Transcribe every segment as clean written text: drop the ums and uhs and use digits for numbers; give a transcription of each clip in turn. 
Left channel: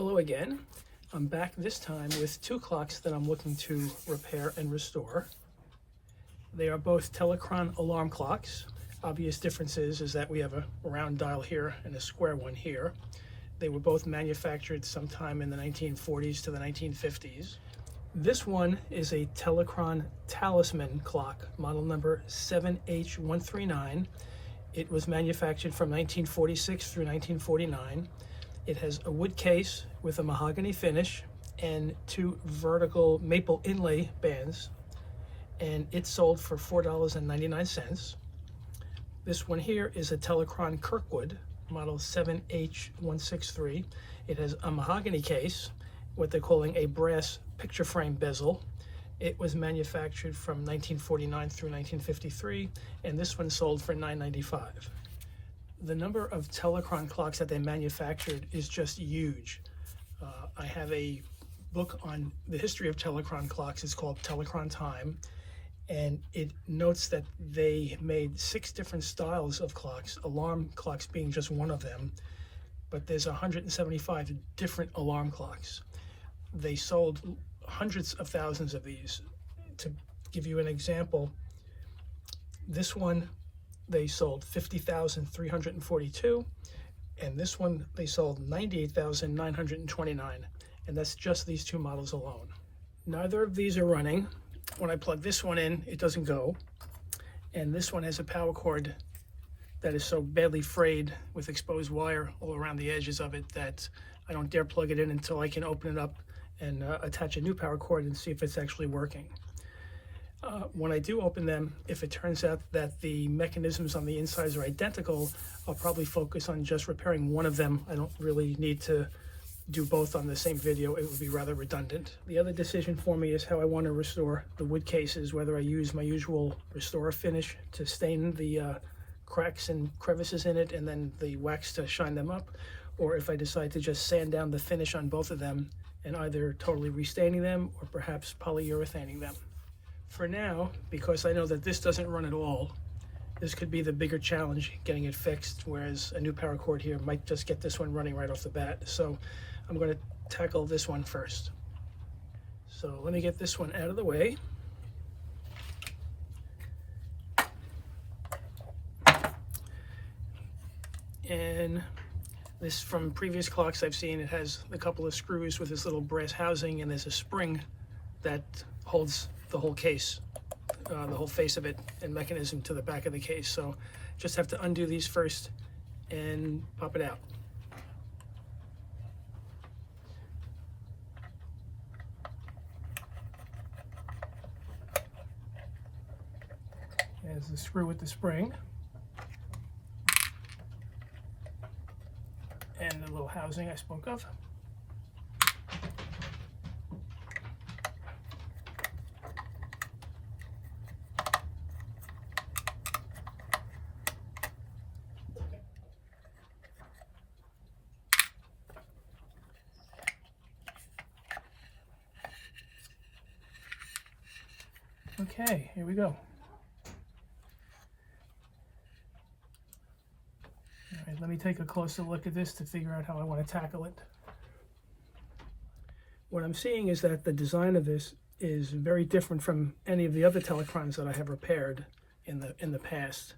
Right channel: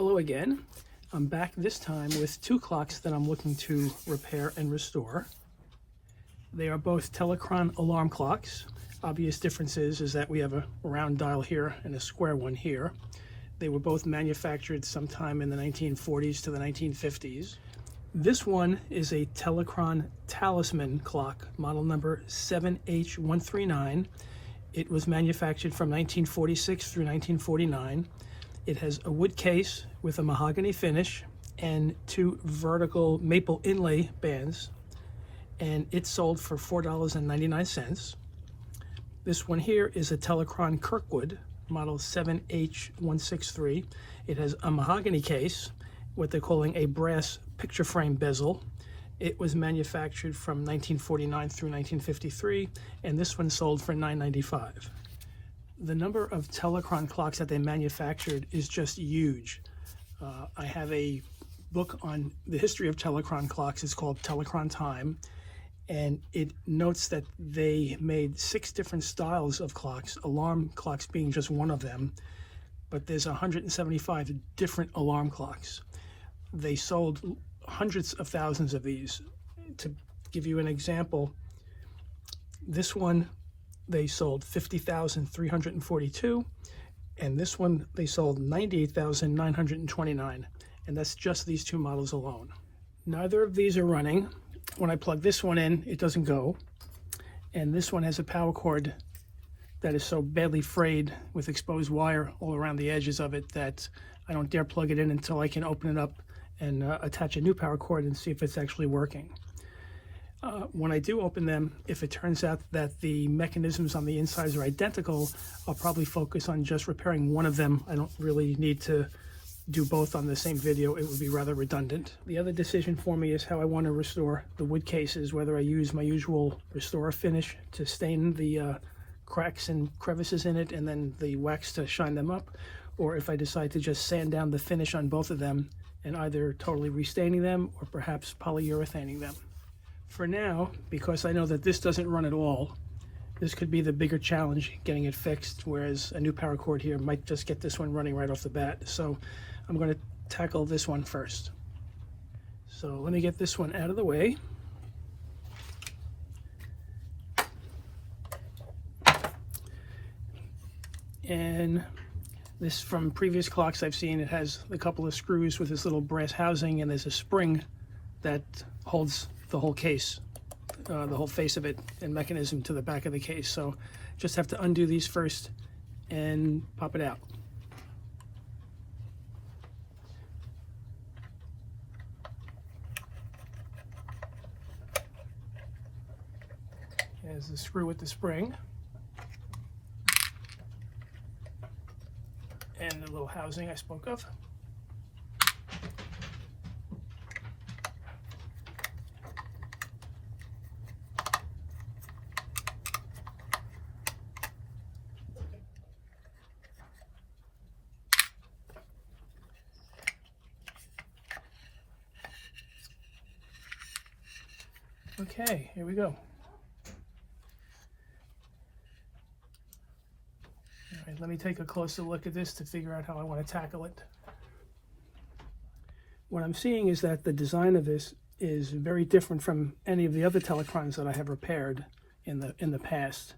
Hello again. I'm back this time with two clocks that I'm looking to repair and restore. They are both Telechron alarm clocks. Obvious differences is that we have a round dial here and a square one here. They were both manufactured sometime in the 1940s to the 1950s. This one is a Telechron Talisman clock, model number 7H139. It was manufactured from 1946 through 1949. It has a wood case with a mahogany finish and two vertical maple inlay bands, and it sold for $4.99. This one here is a Telechron Kirkwood, model 7H163. It has a mahogany case, what they're calling a brass picture frame bezel. It was manufactured from 1949 through 1953, and this one sold for $9.95. The number of Telechron clocks that they manufactured is just huge. I have a book on the history of Telechron clocks. It's called Telechron Time, and it notes that they made 6 different styles of clocks, alarm clocks being just one of them, but there's 175 different alarm clocks. They sold hundreds of thousands of these. To give you an example, this one they sold 50,342, and this one they sold 98,929, and that's just these two models alone. Neither of these are running. When I plug this one in, it doesn't go, and this one has a power cord that is so badly frayed with exposed wire all around the edges of it that I don't dare plug it in until I can open it up and attach a new power cord and see if it's actually working. When I do open them, if it turns out that the mechanisms on the insides are identical, I'll probably focus on just repairing one of them. I don't really need to do both on the same video. It would be rather redundant. The other decision for me is how I want to restore the wood cases, whether I use my usual restore finish to stain the cracks and crevices in it and then the wax to shine them up, or if I decide to just sand down the finish on both of them and either totally restaining them or perhaps polyurethaning them. For now, because I know that this doesn't run at all, this could be the bigger challenge, getting it fixed, whereas a new power cord here might just get this one running right off the bat. So I'm going to tackle this one first. So let me get this one out of the way. And this, from previous clocks I've seen, it has a couple of screws with this little brass housing, and there's a spring that holds the whole case, the whole face of it and mechanism to the back of the case. So just have to undo these first and pop it out. There's the screw with the spring and the little housing I spoke of. Okay, here we go. All right, let me take a closer look at this to figure out how I want to tackle it. What I'm seeing is that the design of this is very different from any of the other Telechrons that I have repaired in the past.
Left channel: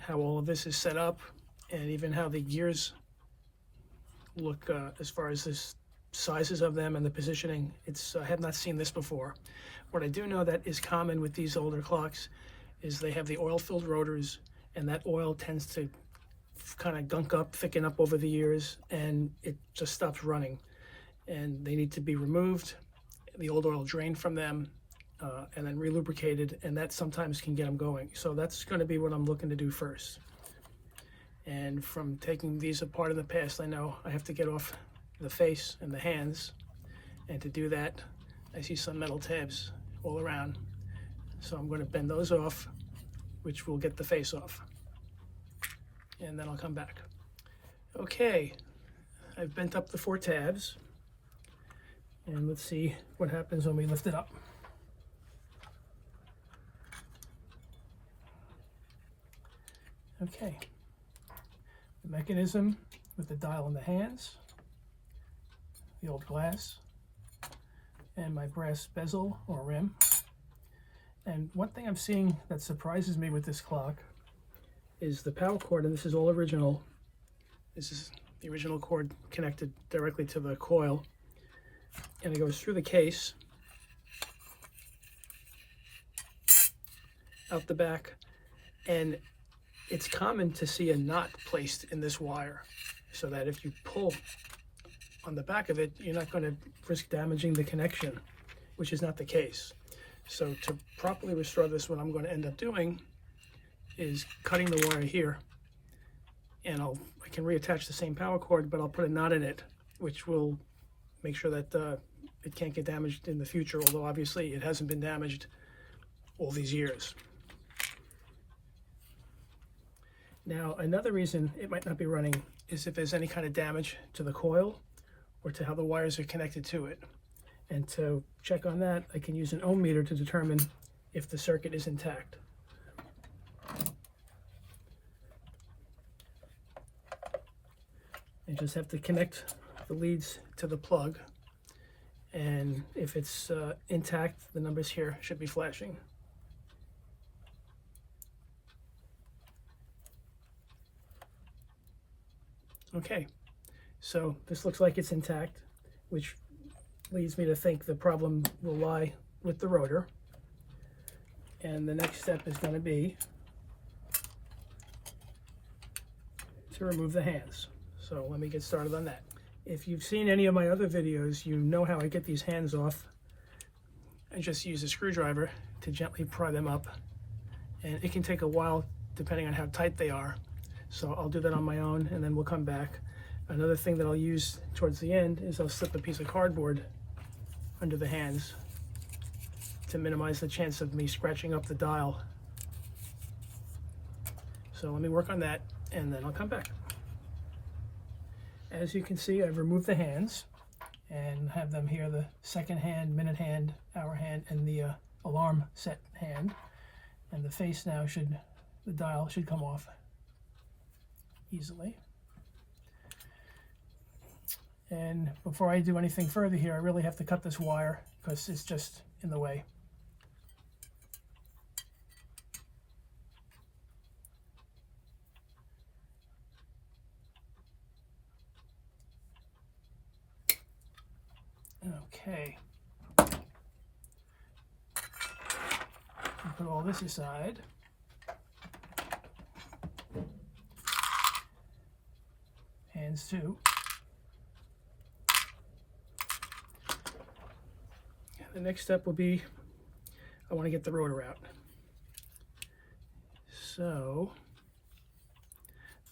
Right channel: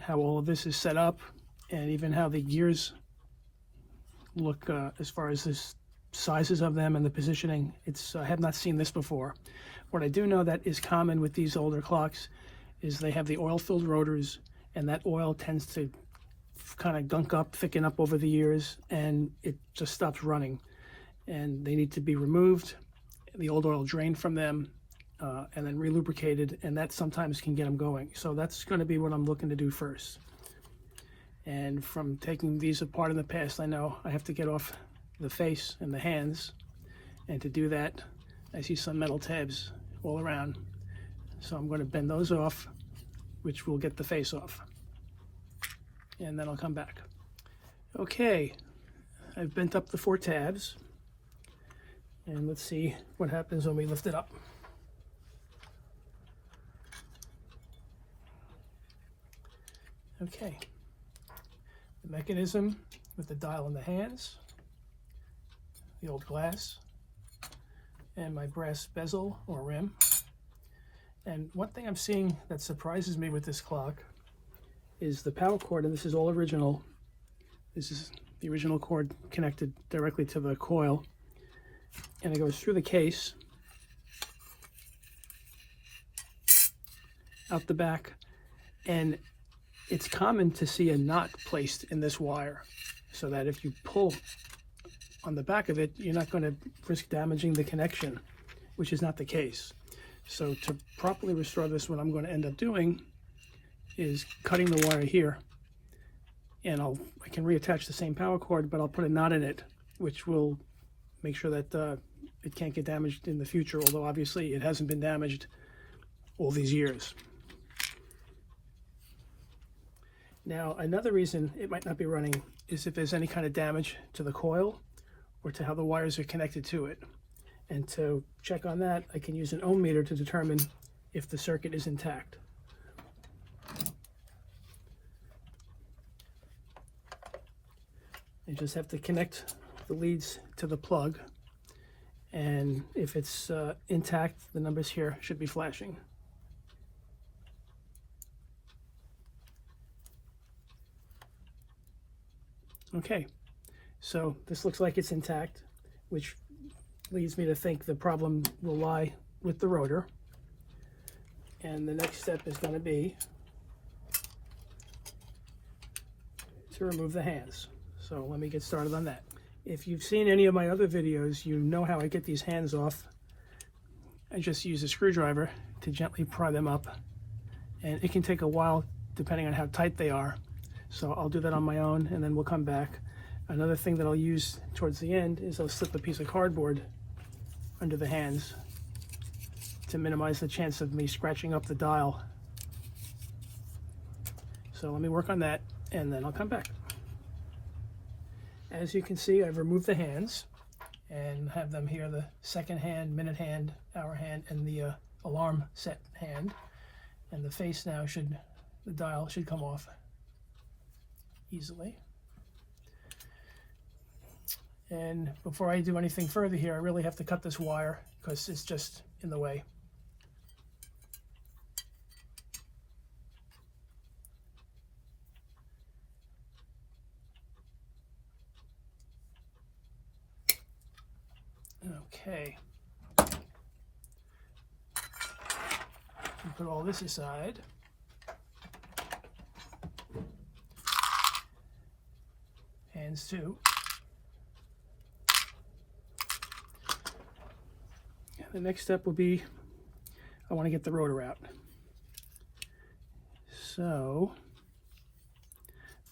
How all of this is set up, and even how the gears look as far as the sizes of them and the positioning. I have not seen this before. What I do know that is common with these older clocks is they have the oil-filled rotors, and that oil tends to kind of gunk up, thicken up over the years, and it just stops running. And they need to be removed, the old oil drained from them, and then relubricated, and that sometimes can get them going. So that's going to be what I'm looking to do first. And from taking these apart in the past, I know I have to get off the face and the hands, and to do that, I see some metal tabs all around. So I'm going to bend those off, which will get the face off. And then I'll come back. Okay, I've bent up the 4 tabs. And let's see what happens when we lift it up. Okay, the mechanism with the dial in the hands, the old glass, and my brass bezel or rim. And one thing I'm seeing that surprises me with this clock is the power cord, and this is all original. This is the original cord connected directly to the coil, and it goes through the case, out the back, and it's common to see a knot placed in this wire so that if you pull on the back of it, you're not going to risk damaging the connection, which is not the case. So to properly restore this, what I'm going to end up doing is cutting the wire here, and I can reattach the same power cord, but I'll put a knot in it, which will make sure that it can't get damaged in the future, although obviously it hasn't been damaged all these years. Now, another reason it might not be running is if there's any kind of damage to the coil or to how the wires are connected to it. And to check on that, I can use an ohm meter to determine if the circuit is intact. You just have to connect the leads to the plug, and if it's intact, the numbers here should be flashing. Okay, so this looks like it's intact, which leads me to think the problem will lie with the rotor. And the next step is going to be to remove the hands. So let me get started on that. If you've seen any of my other videos, you know how I get these hands off. I just use a screwdriver to gently pry them up, and it can take a while depending on how tight they are. So I'll do that on my own, and then we'll come back. Another thing that I'll use towards the end is I'll slip a piece of cardboard under the hands to minimize the chance of me scratching up the dial. So let me work on that, and then I'll come back. As you can see, I've removed the hands and have them here, the second hand, minute hand, hour hand, and the alarm set hand. And the face now the dial should come off easily. And before I do anything further here, I really have to cut this wire because it's just in the way. Okay. I'll put all this aside. Hands too. The next step will be, I want to get the rotor out. So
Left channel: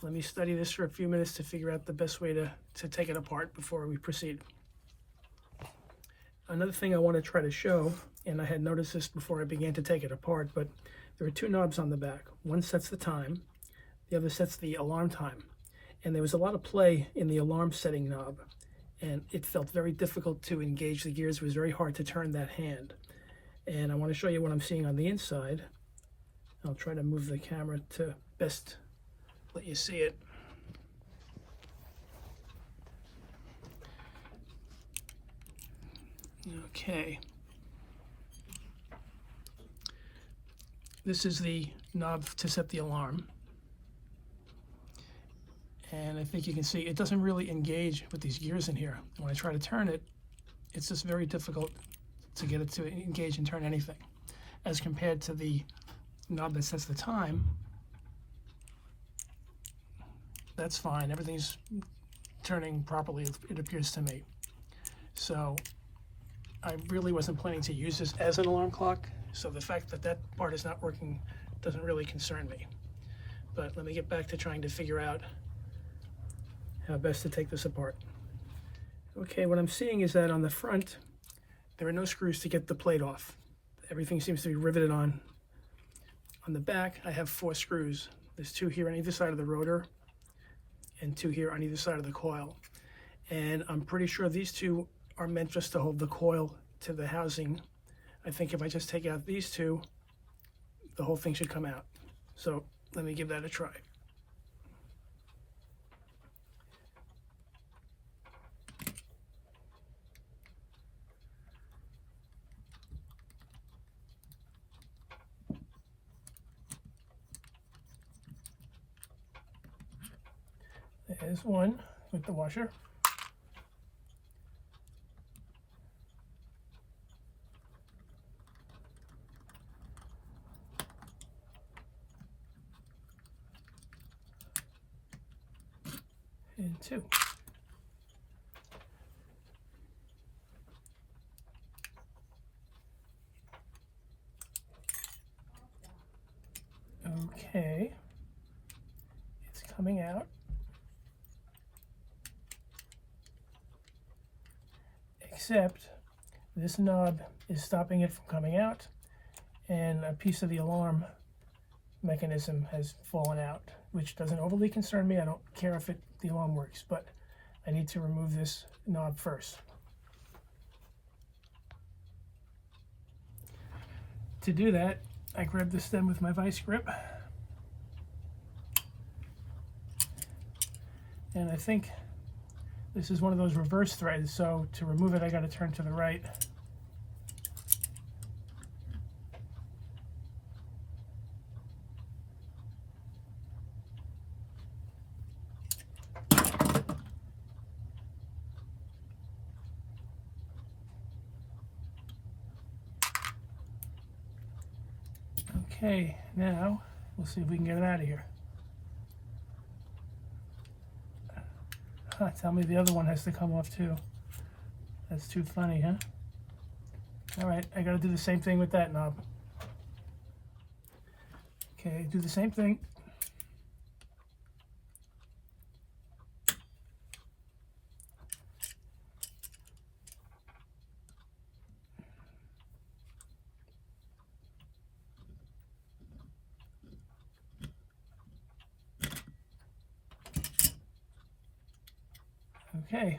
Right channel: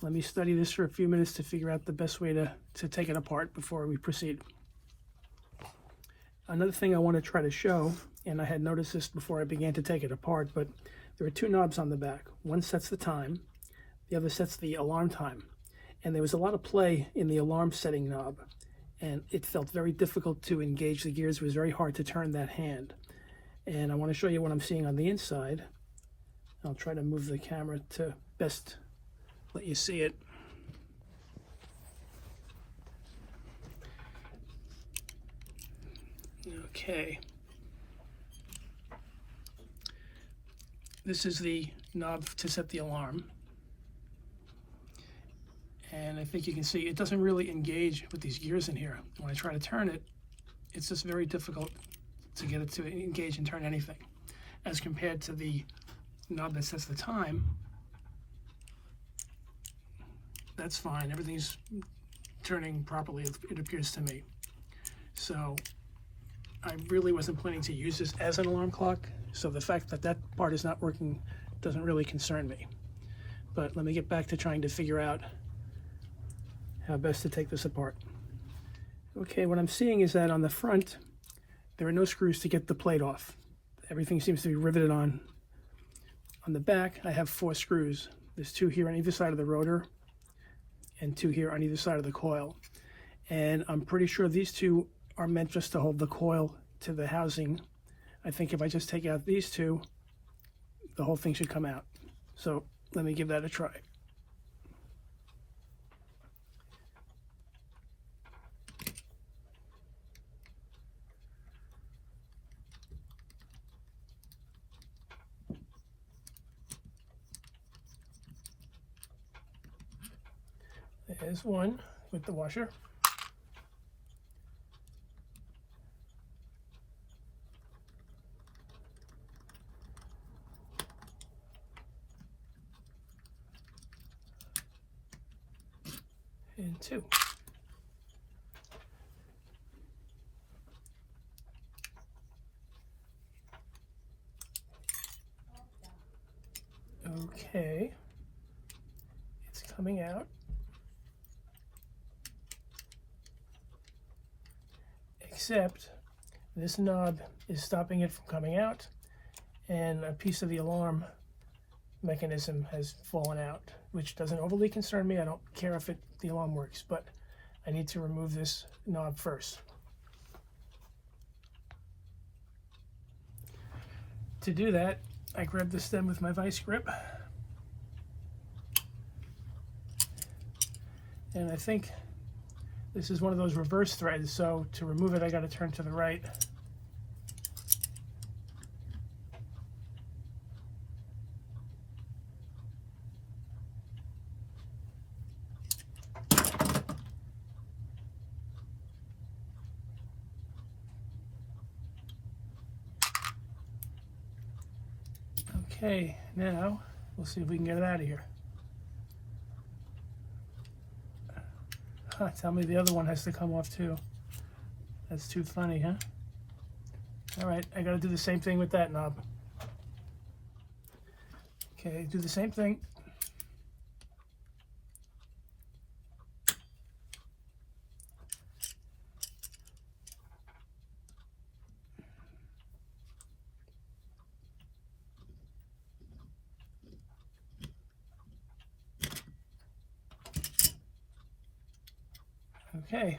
let me study this for a few minutes to figure out the best way to take it apart before we proceed. Another thing I want to try to show, and I had noticed this before I began to take it apart, but there are two knobs on the back. One sets the time, the other sets the alarm time. And there was a lot of play in the alarm setting knob, and it felt very difficult to engage the gears. It was very hard to turn that hand. And I want to show you what I'm seeing on the inside. I'll try to move the camera to best let you see it. Okay. This is the knob to set the alarm. And I think you can see it doesn't really engage with these gears in here. When I try to turn it, it's just very difficult to get it to engage and turn anything. As compared to the knob that sets the time, that's fine. Everything's turning properly, it appears to me. So I really wasn't planning to use this as an alarm clock, so the fact that that part is not working doesn't really concern me. But let me get back to trying to figure out how best to take this apart. Okay, what I'm seeing is that on the front, there are no screws to get the plate off. Everything seems to be riveted on. On the back, I have 4 screws. There's 2 here on either side of the rotor and 2 here on either side of the coil. And I'm pretty sure these 2 are meant just to hold the coil to the housing. I think if I just take out these 2, the whole thing should come out. So let me give that a try. There's one with the washer. And two. Okay, it's coming out. Except this knob is stopping it from coming out, and a piece of the alarm mechanism has fallen out, which doesn't overly concern me. I don't care if the alarm works, but I need to remove this knob first. To do that, I grab the stem with my vice grip, and I think this is one of those reverse threads, so to remove it I got to turn to the right. Okay, now we'll see if we can get it out of here. Tell me the other one has to come off too. That's too funny, huh? All right, I gotta do the same thing with that knob. Okay, do the same thing. Okay,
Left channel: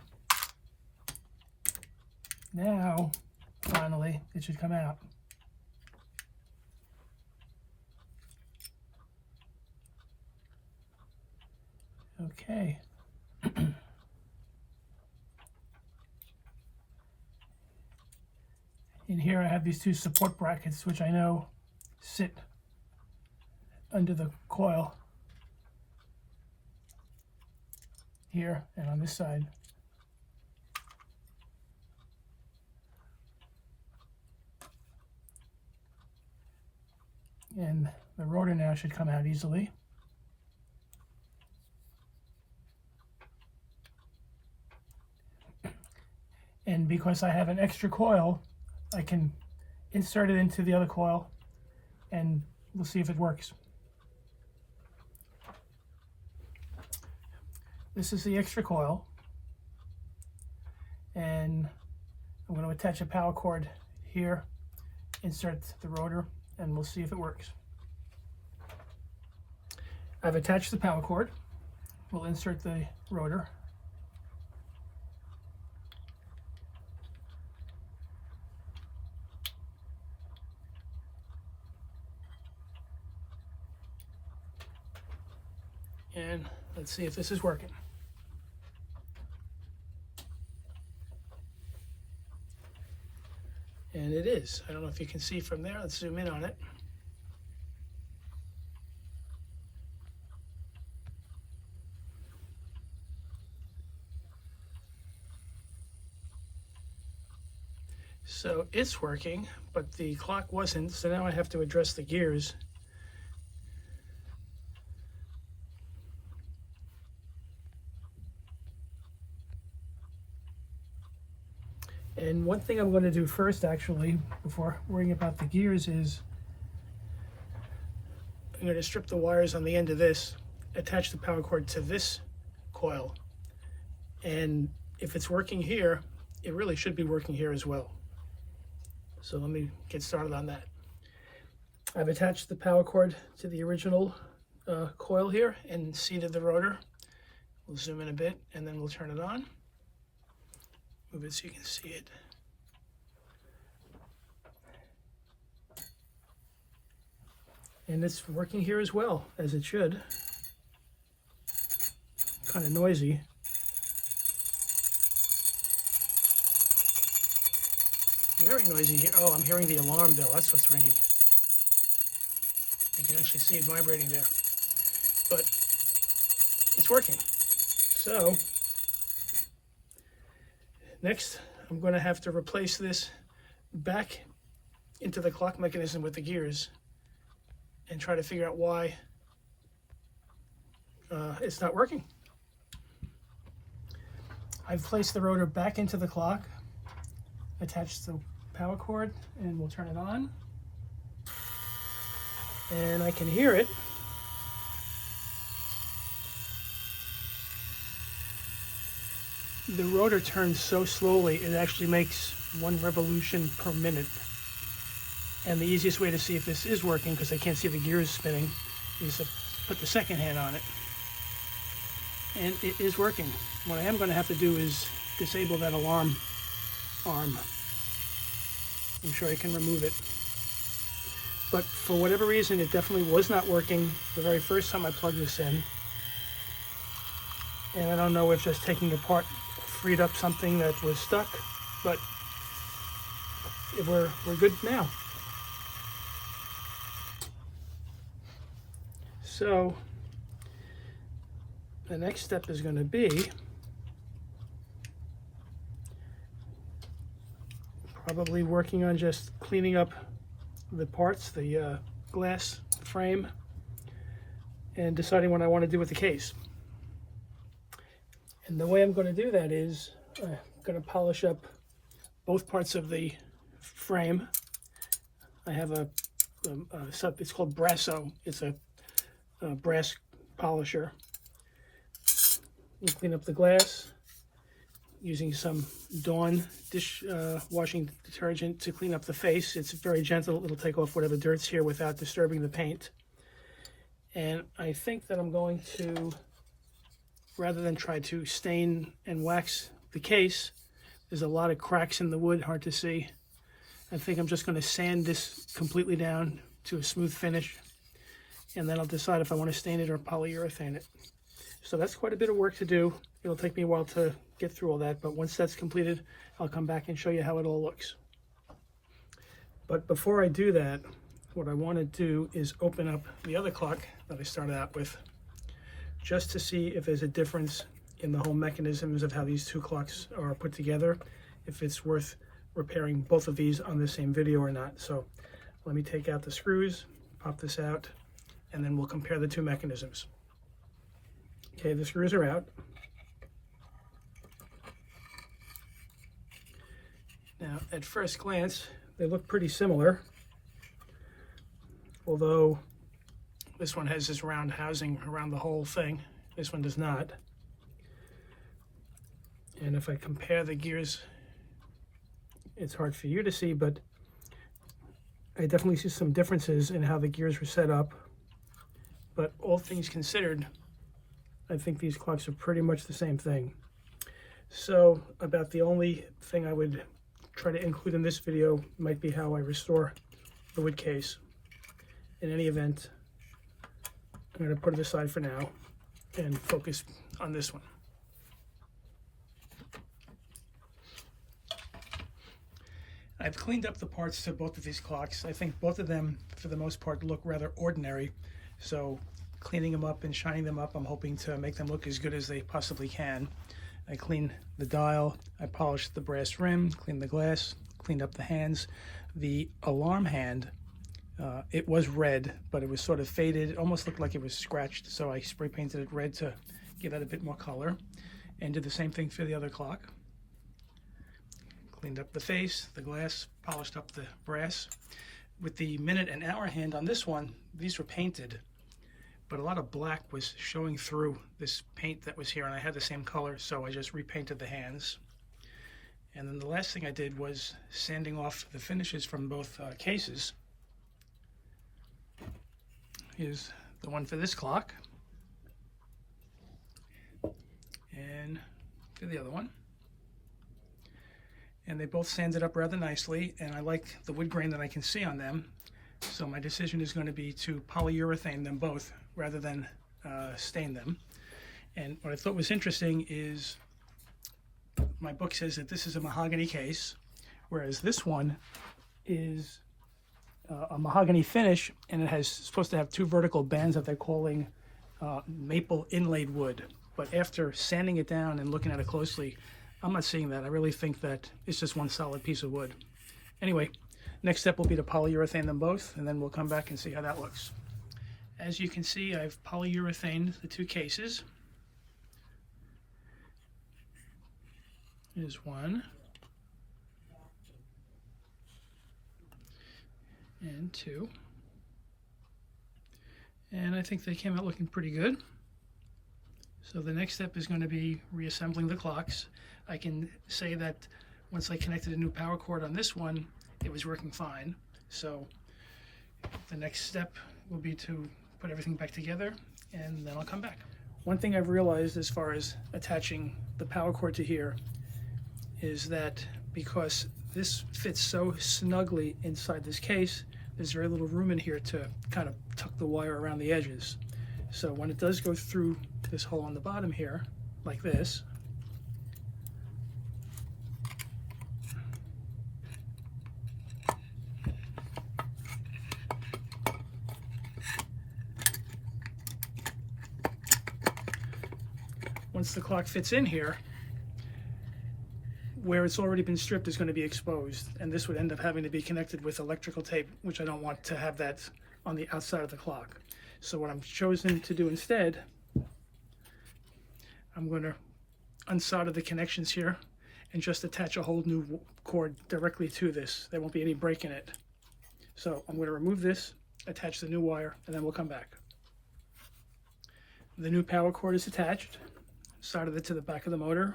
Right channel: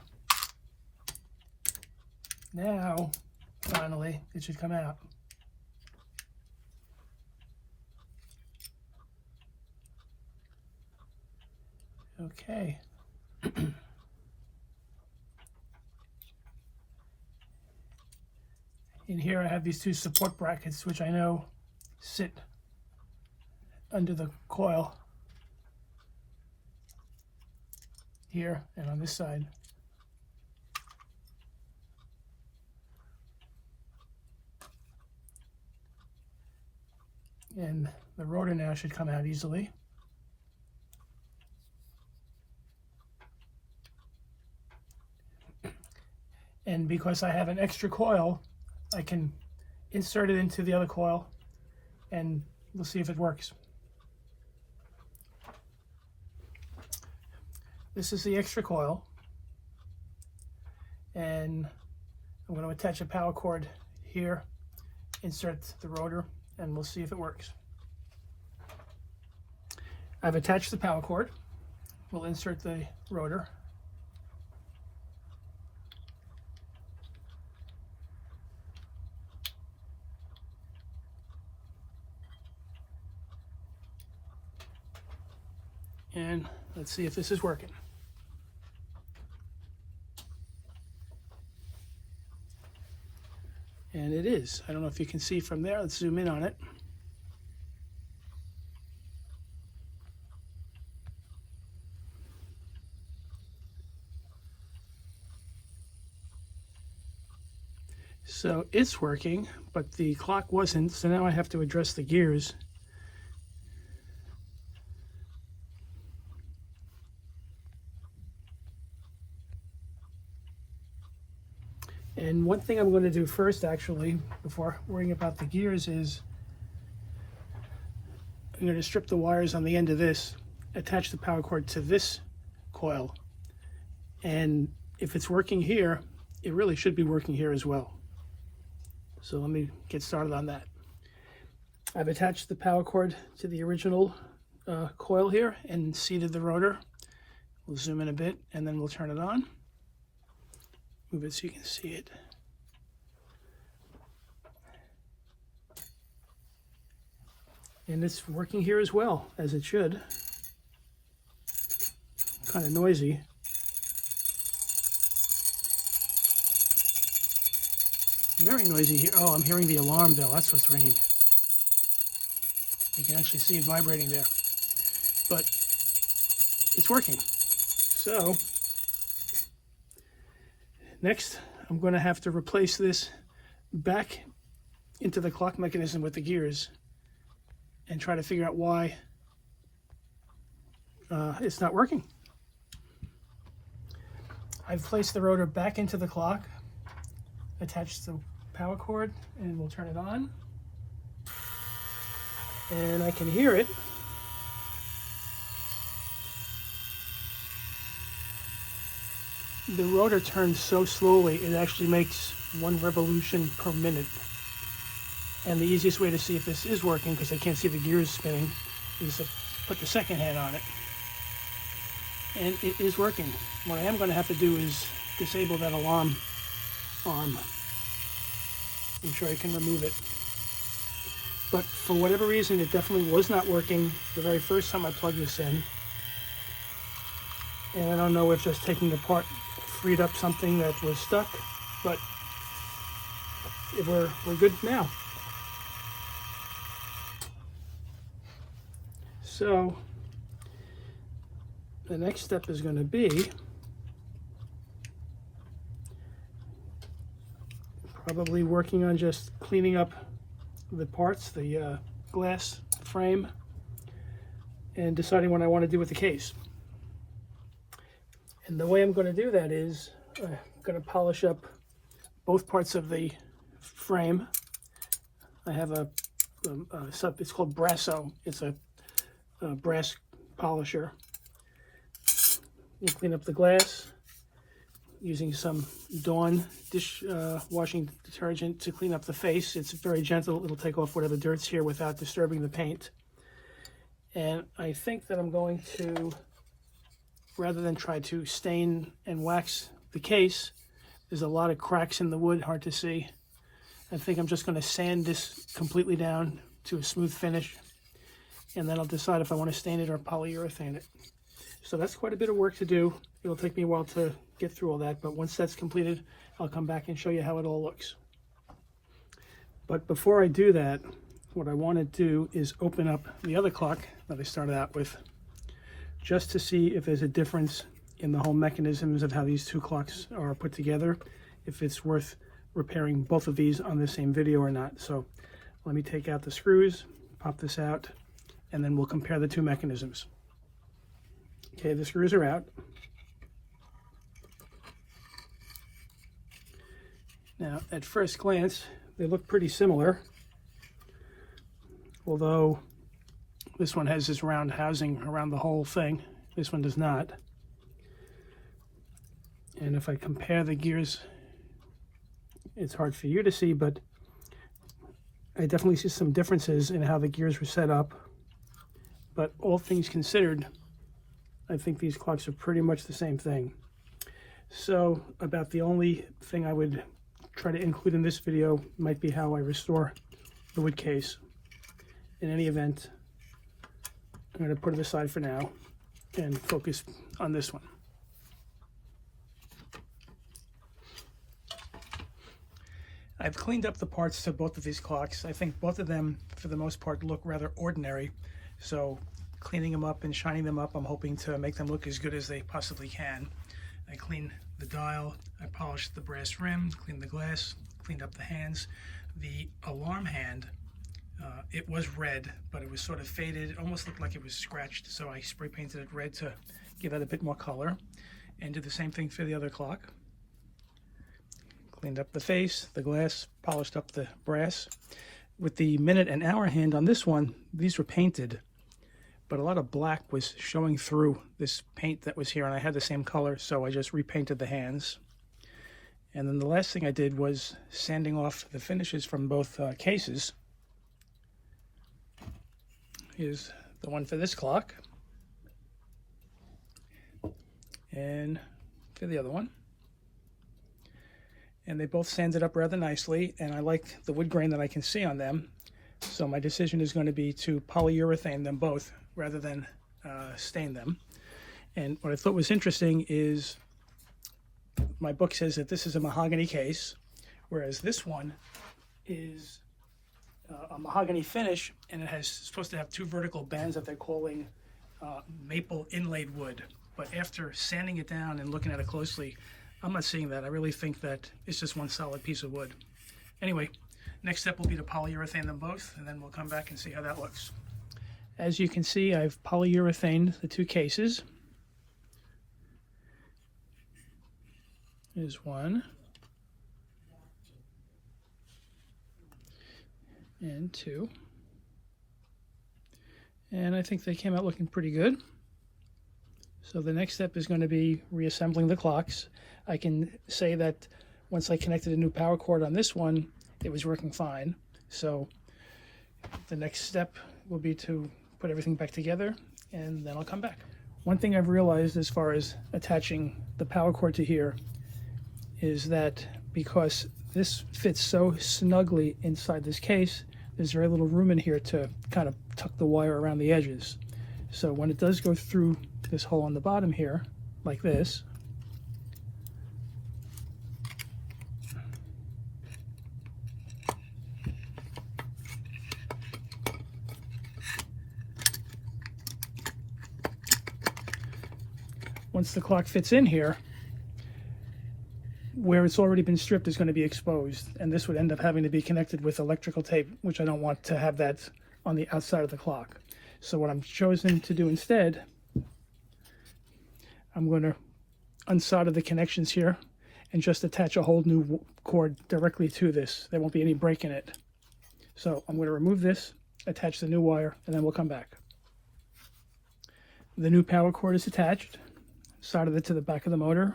now finally it should come out. Okay. In here I have these two support brackets, which I know sit under the coil here and on this side. And the rotor now should come out easily. And because I have an extra coil, I can insert it into the other coil and we'll see if it works. This is the extra coil, and I'm going to attach a power cord here, insert the rotor, and we'll see if it works. I've attached the power cord. We'll insert the rotor. And let's see if this is working. And it is. I don't know if you can see from there. Let's zoom in on it. So it's working, but the clock wasn't, so now I have to address the gears. And one thing I'm going to do first, actually, before worrying about the gears, is I'm going to strip the wires on the end of this, attach the power cord to this coil, and if it's working here, it really should be working here as well. So let me get started on that. I've attached the power cord to the original coil here and seated the rotor. We'll zoom in a bit and then we'll turn it on. Move it so you can see it. And it's working here as well, as it should. Kind of noisy. Very noisy here. Oh, I'm hearing the alarm bell. That's what's ringing. You can actually see it vibrating there. But it's working. So next, I'm going to have to replace this back into the clock mechanism with the gears and try to figure out why it's not working. I've placed the rotor back into the clock, attached the power cord, and we'll turn it on. And I can hear it. The rotor turns so slowly, it actually makes 1 revolution per minute. And the easiest way to see if this is working, because I can't see the gears spinning, is to put the second hand on it. And it is working. What I am going to have to do is disable that alarm arm. I'm sure I can remove it. But for whatever reason, it definitely was not working the very first time I plugged this in. And I don't know if just taking it apart freed up something that was stuck, but we're good now. So the next step is going to be probably working on just cleaning up the parts, the glass frame, and deciding what I want to do with the case. And the way I'm going to do that is I'm going to polish up both parts of the frame. I have it's called Brasso. It's a brass polisher. We'll clean up the glass using some Dawn washing detergent to clean up the face. It's very gentle. It'll take off whatever dirt's here without disturbing the paint. And I think that I'm going to, rather than try to stain and wax the case, there's a lot of cracks in the wood, hard to see. I think I'm just going to sand this completely down to a smooth finish, and then I'll decide if I want to stain it or polyurethane it. So that's quite a bit of work to do. It'll take me a while to get through all that, but once that's completed, I'll come back and show you how it all looks. But before I do that, what I want to do is open up the other clock that I started out with, just to see if there's a difference in the whole mechanisms of how these two clocks are put together, if it's worth repairing both of these on the same video or not. So let me take out the screws, pop this out, and then we'll compare the two mechanisms. Okay, the screws are out. Now, at first glance, they look pretty similar, although this one has this round housing around the whole thing. This one does not. And if I compare the gears, it's hard for you to see, but I definitely see some differences in how the gears were set up. But all things considered, I think these clocks are pretty much the same thing. So about the only thing I would try to include in this video might be how I restore the wood case. In any event, I'm going to put it aside for now and focus on this one. I've cleaned up the parts to both of these clocks. I think both of them, for the most part, look rather ordinary. So cleaning them up and shining them up, I'm hoping to make them look as good as they possibly can. I cleaned the dial, I polished the brass rim, cleaned the glass, cleaned up the hands. The alarm hand, it was red, but it was sort of faded. It almost looked like it was scratched, so I spray painted it red to give it a bit more color, and did the same thing for the other clock. Cleaned up the face, the glass, polished up the brass. With the minute and hour hand on this one, these were painted, but a lot of black was showing through this paint that was here, and I had the same color, so I just repainted the hands. And then the last thing I did was sanding off the finishes from both cases. Here's the one for this clock, and for the other one. And they both sanded up rather nicely, and I like the wood grain that I can see on them. So my decision is going to be to polyurethane them both rather than stain them. And what I thought was interesting is my book says that this is a mahogany case, whereas this one is a mahogany finish, and it has supposed to have two vertical bands that they're calling maple inlaid wood. But after sanding it down and looking at it closely, I'm not seeing that. I really think that it's just one solid piece of wood. Anyway, next step will be to polyurethane them both, and then we'll come back and see how that looks. As you can see, I've polyurethaned the two cases. Here's one. And two. And I think they came out looking pretty good. So the next step is going to be reassembling the clocks. I can say that once I connected a new power cord on this one, it was working fine. So the next step will be to put everything back together, and then I'll come back. One thing I've realized as far as attaching the power cord to here is that because this fits so snugly inside this case, there's very little room in here to kind of tuck the wire around the edges. So when it does go through this hole on the bottom here, like this, once the clock fits in here, where it's already been stripped is going to be exposed, and this would end up having to be connected with electrical tape, which I don't want to have that on the outside of the clock. So what I'm choosing to do instead, I'm going to unsolder the connections here and just attach a whole new cord directly to this. There won't be any break in it. So I'm going to remove this, attach the new wire, and then we'll come back. The new power cord is attached, soldered it to the back of the motor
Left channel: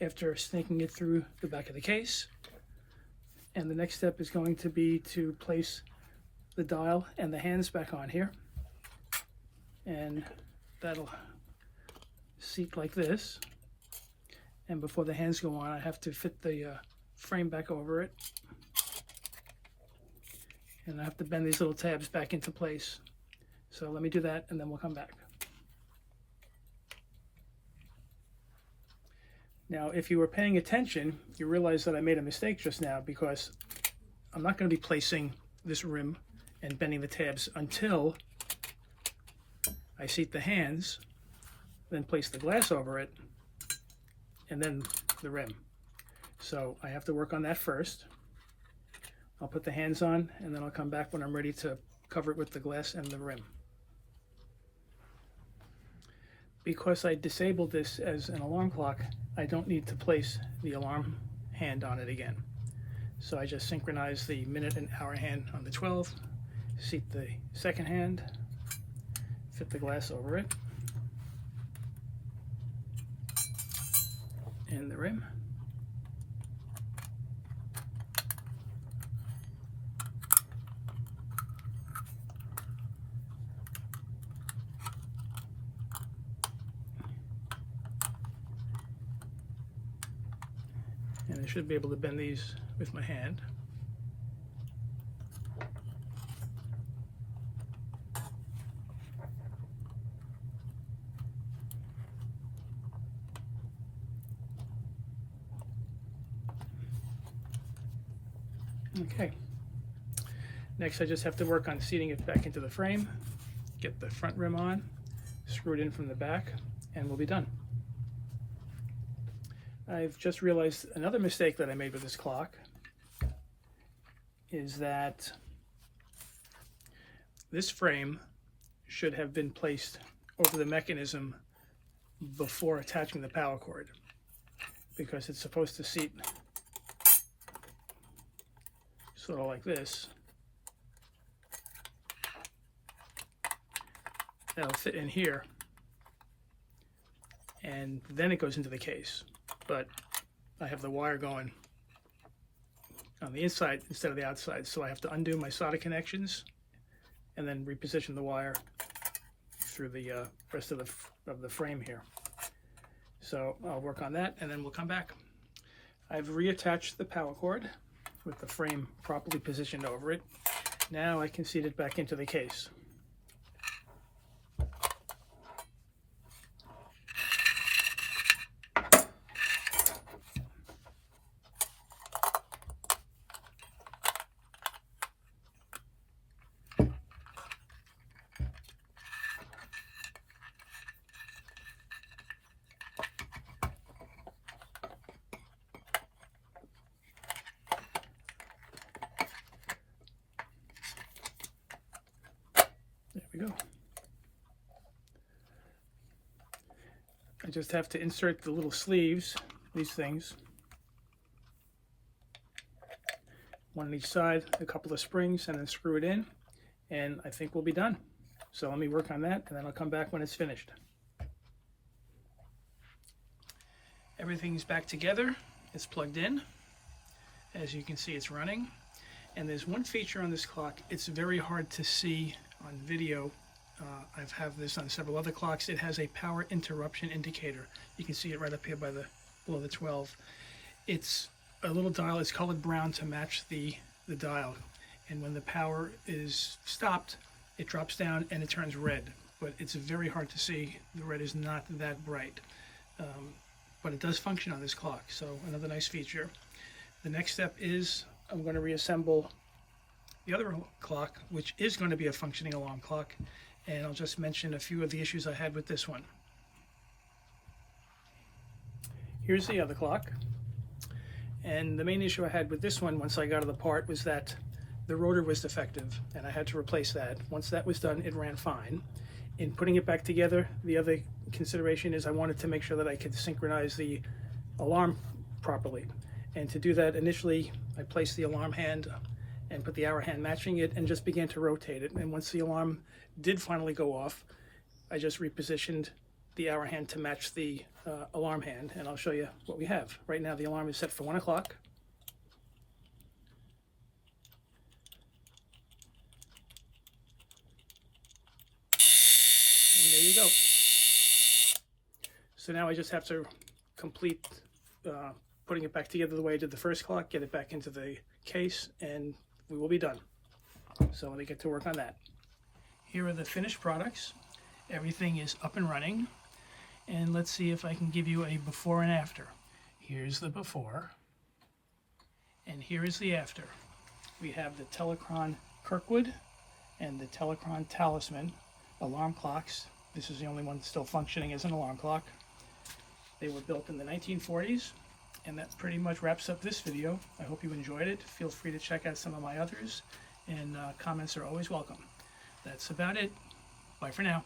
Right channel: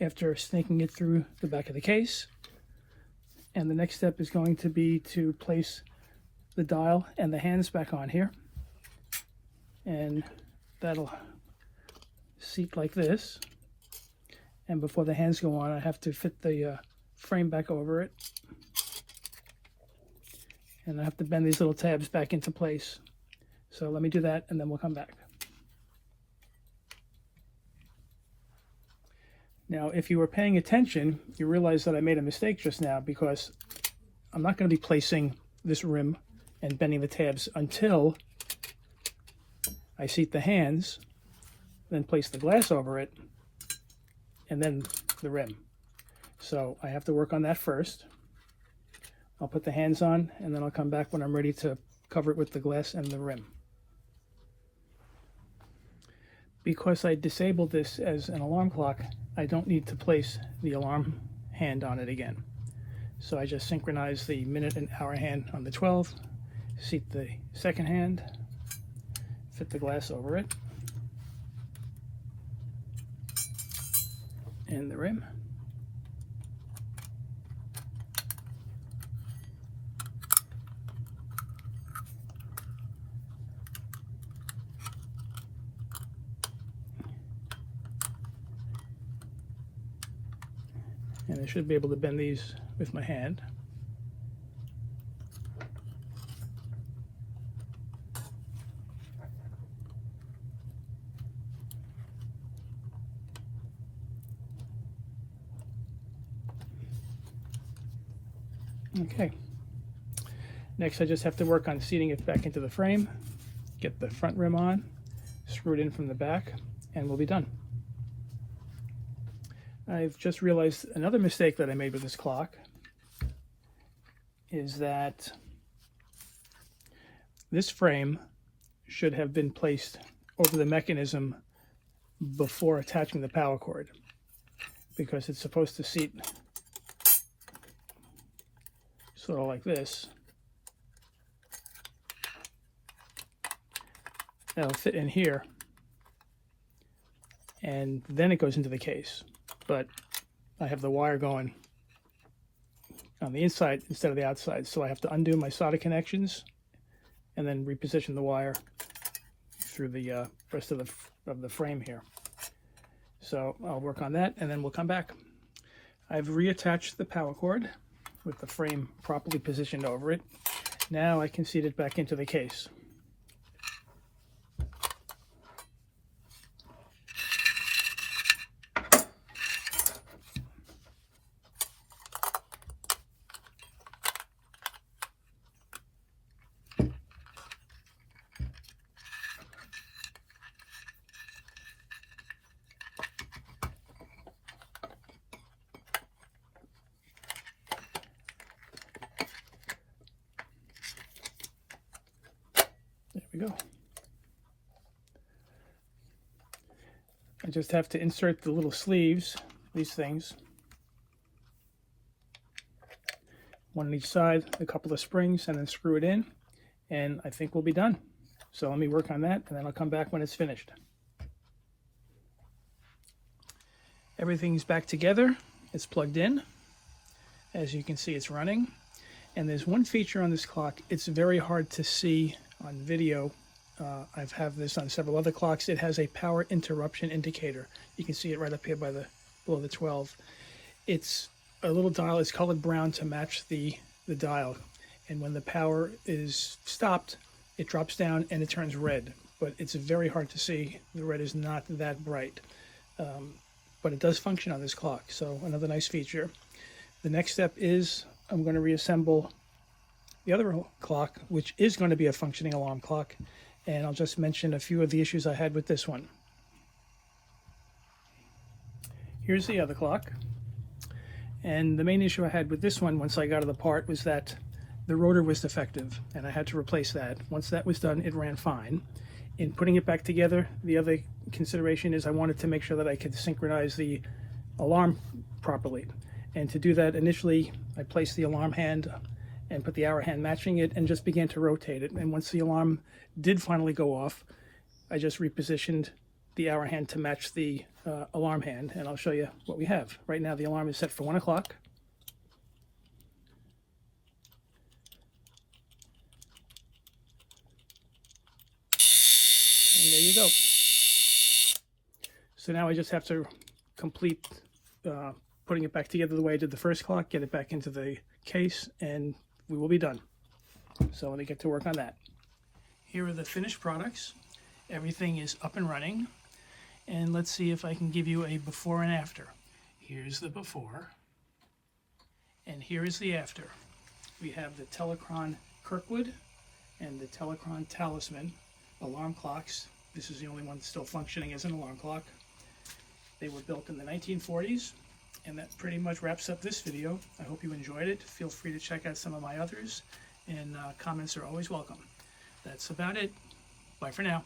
after snaking it through the back of the case. And the next step is going to be to place the dial and the hands back on here. And that'll seat like this. And before the hands go on, I have to fit the frame back over it. And I have to bend these little tabs back into place. So let me do that, and then we'll come back. Now, if you were paying attention, you realize that I made a mistake just now, because I'm not going to be placing this rim and bending the tabs until I seat the hands, then place the glass over it, and then the rim. So I have to work on that first. I'll put the hands on, and then I'll come back when I'm ready to cover it with the glass and the rim. Because I disabled this as an alarm clock, I don't need to place the alarm hand on it again. So I just synchronize the minute and hour hand on the 12, seat the second hand, fit the glass over it, and the rim. And I should be able to bend these with my hand. Okay. Next, I just have to work on seating it back into the frame, get the front rim on, screw it in from the back, and we'll be done. I've just realized another mistake that I made with this clock is that this frame should have been placed over the mechanism before attaching the power cord, because it's supposed to seat sort of like this. That'll fit in here, and then it goes into the case. But I have the wire going on the inside instead of the outside, so I have to undo my solder connections and then reposition the wire through the rest of the frame here. So I'll work on that, and then we'll come back. I've reattached the power cord with the frame properly positioned over it. Now I can seat it back into the case. we go. I just have to insert the little sleeves, these things, one on each side, a couple of springs, and then screw it in, and I think we'll be done. So let me work on that, and then I'll come back when it's finished. Everything's back together. It's plugged in. As you can see, it's running. And there's one feature on this clock. It's very hard to see on video. I've had this on several other clocks. It has a power interruption indicator. You can see it right up here by below the 12. It's a little dial. It's colored brown to match the dial. And when the power is stopped, it drops down and it turns red. But it's very hard to see. The red is not that bright. But it does function on this clock, so another nice feature. The next step is I'm going to reassemble the other clock, which is going to be a functioning alarm clock, and I'll just mention a few of the issues I had with this one. Here's the other clock, and the main issue I had with this one once I got it apart was that the rotor was defective, and I had to replace that. Once that was done, it ran fine. In putting it back together, the other consideration is I wanted to make sure that I could synchronize the alarm properly. And to do that, initially I placed the alarm hand and put the hour hand matching it and just began to rotate it. And once the alarm did finally go off, I just repositioned the hour hand to match the alarm hand, and I'll show you what we have. Right now the alarm is set for 1 o'clock. And there you go. So now I just have to complete putting it back together the way I did the first clock, get it back into the case, and we will be done. So let me get to work on that. Here are the finished products. Everything is up and running. And let's see if I can give you a before and after. Here's the before. And here is the after. We have the Telechron Kirkwood and the Telechron Talisman alarm clocks. This is the only one still functioning as an alarm clock. They were built in the 1940s, and that pretty much wraps up this video. I hope you enjoyed it. Feel free to check out some of my others, and comments are always welcome. That's about it. Bye for now.